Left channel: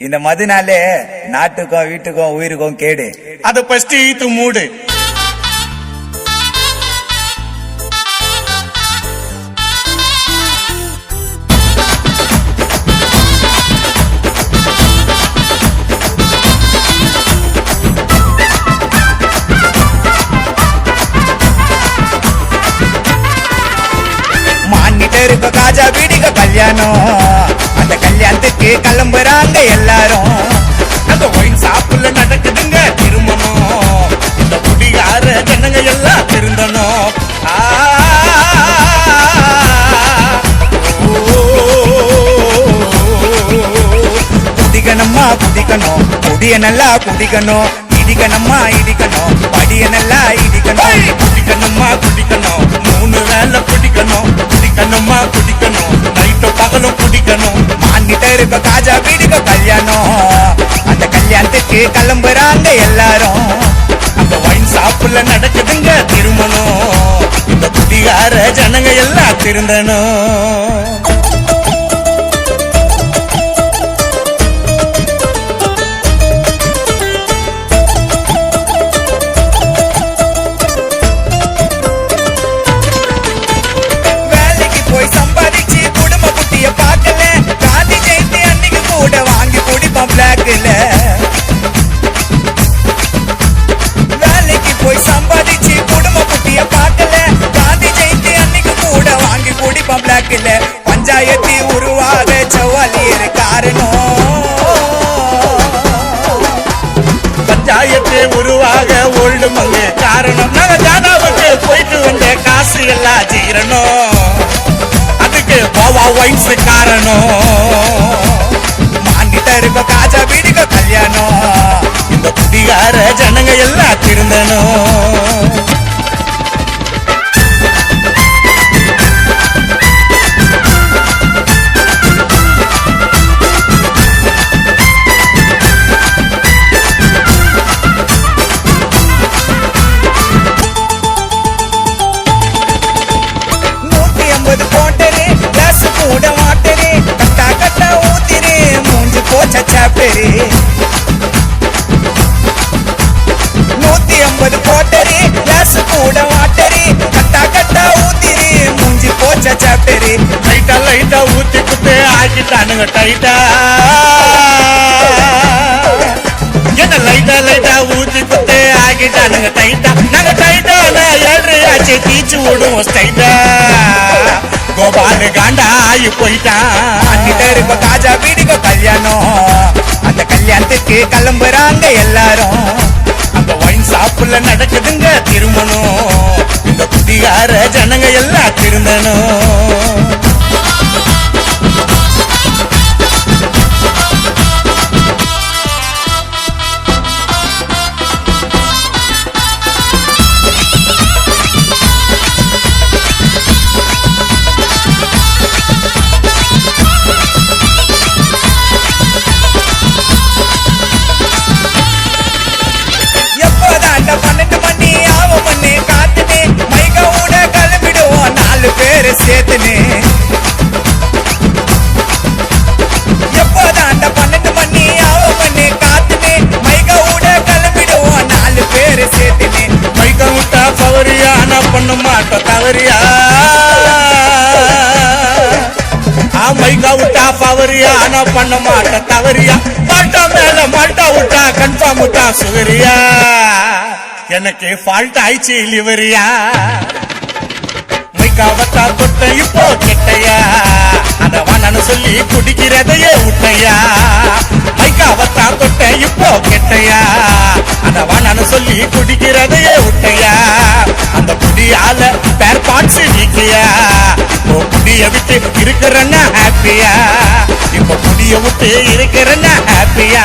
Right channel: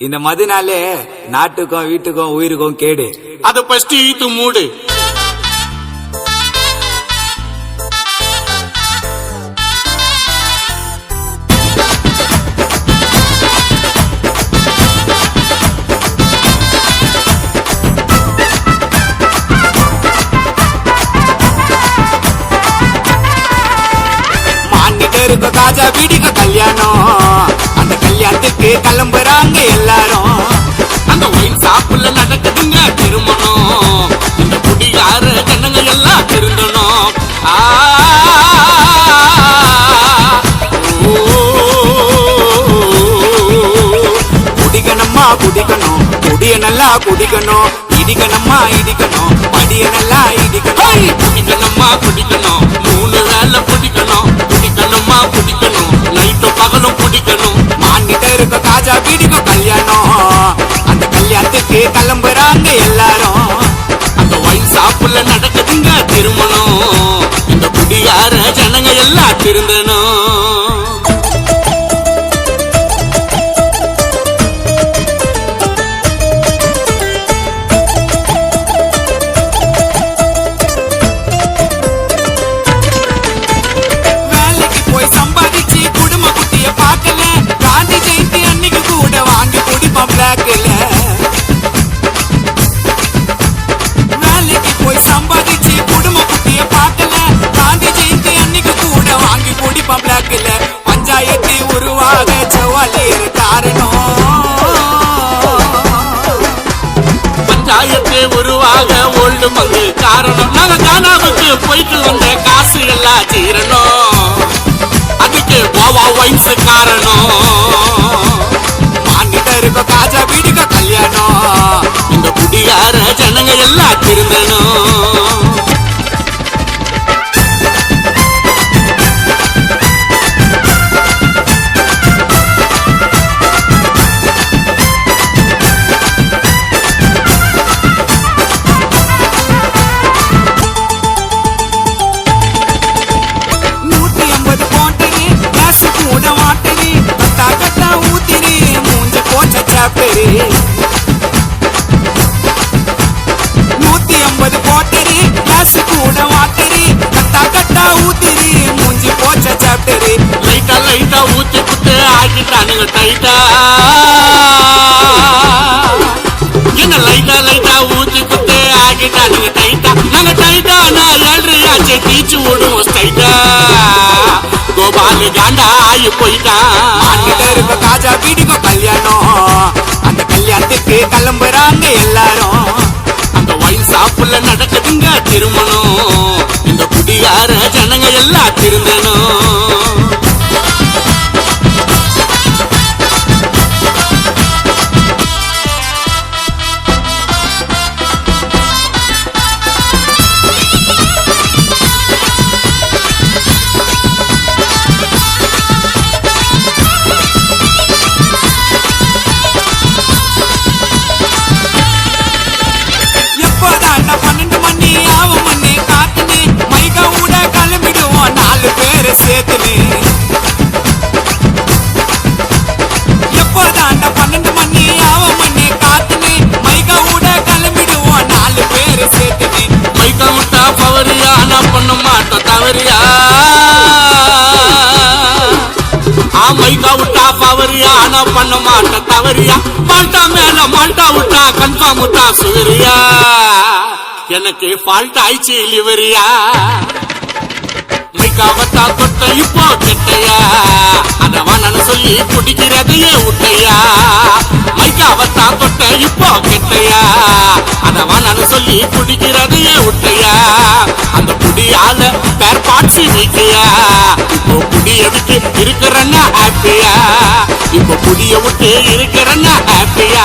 இந்த மதுனாலே நாட்டுக்கும் வீட்டுக்கும் உயிருக்கும் கேடு. அத ஃபர்ஸ்ட் ஈத்து மூடு. இருக்க காஜா வீடிக்க கல்யாணம். கல்யாணத்துக்கு கிளம்புறாங்க எல்லாரும். அந்த ஒயின் ஷாப்புல நடக்குதுங்க திருமணம். இந்த குடிகார ஜனங்க எல்லாம் ஓ, குடிக்கணுமா குடிக்கணும். குடிய நல்லா குடிக்கணும். இடிக்கணுமா இடிக்கணும். படிய நல்லா இடிக்கணும்! குடிக்கணுமா குடிக்கணும். மூணு வேளை எல்லாம் எல்லாம் கோபால் காண்டா ஆகி போயிட்டான் காஜா வீடுக கல்யாணம். அந்த கல்யாணத்துக்கு கிளம்புறாங்க எல்லாரும். அந்த ஒயின் ஷாப்புல நடக்குதுங்க திருமணம். இந்த குடிகார ஜனங்க எல்லாம் திருந்தணும். மாட்டோம் ஆ மைக்கா விட்டா பவரியா? ஆனா பண்ண மாட்டோம் தவறியா? மாட்டா மேல மாட்டா விட்டா கன்ஃபார்ம் விட்டா சுகரியா எனக்கு ஃபால்ட் ஆயிடுச்சு லிவரியா மைக்காவத்தா தொட்ட இப்போ கெட்டையா? அதவா நான் சொல்லி குடிக்கிறதையே விட்டையா மைக்காவத்தா தொட்ட இப்போ கெட்டையா? அத சொல்லி குடிக்கிறதையே விட்டையா? அந்த குடியால பேர் பார்ட்ஸ் நீக்கியா? இப்போ குடிய விட்டு இருக்கிறன்னா ஹாப்பியா இப்போ குடிய விட்டு இருக்கிறன்னா ஹாப்பியா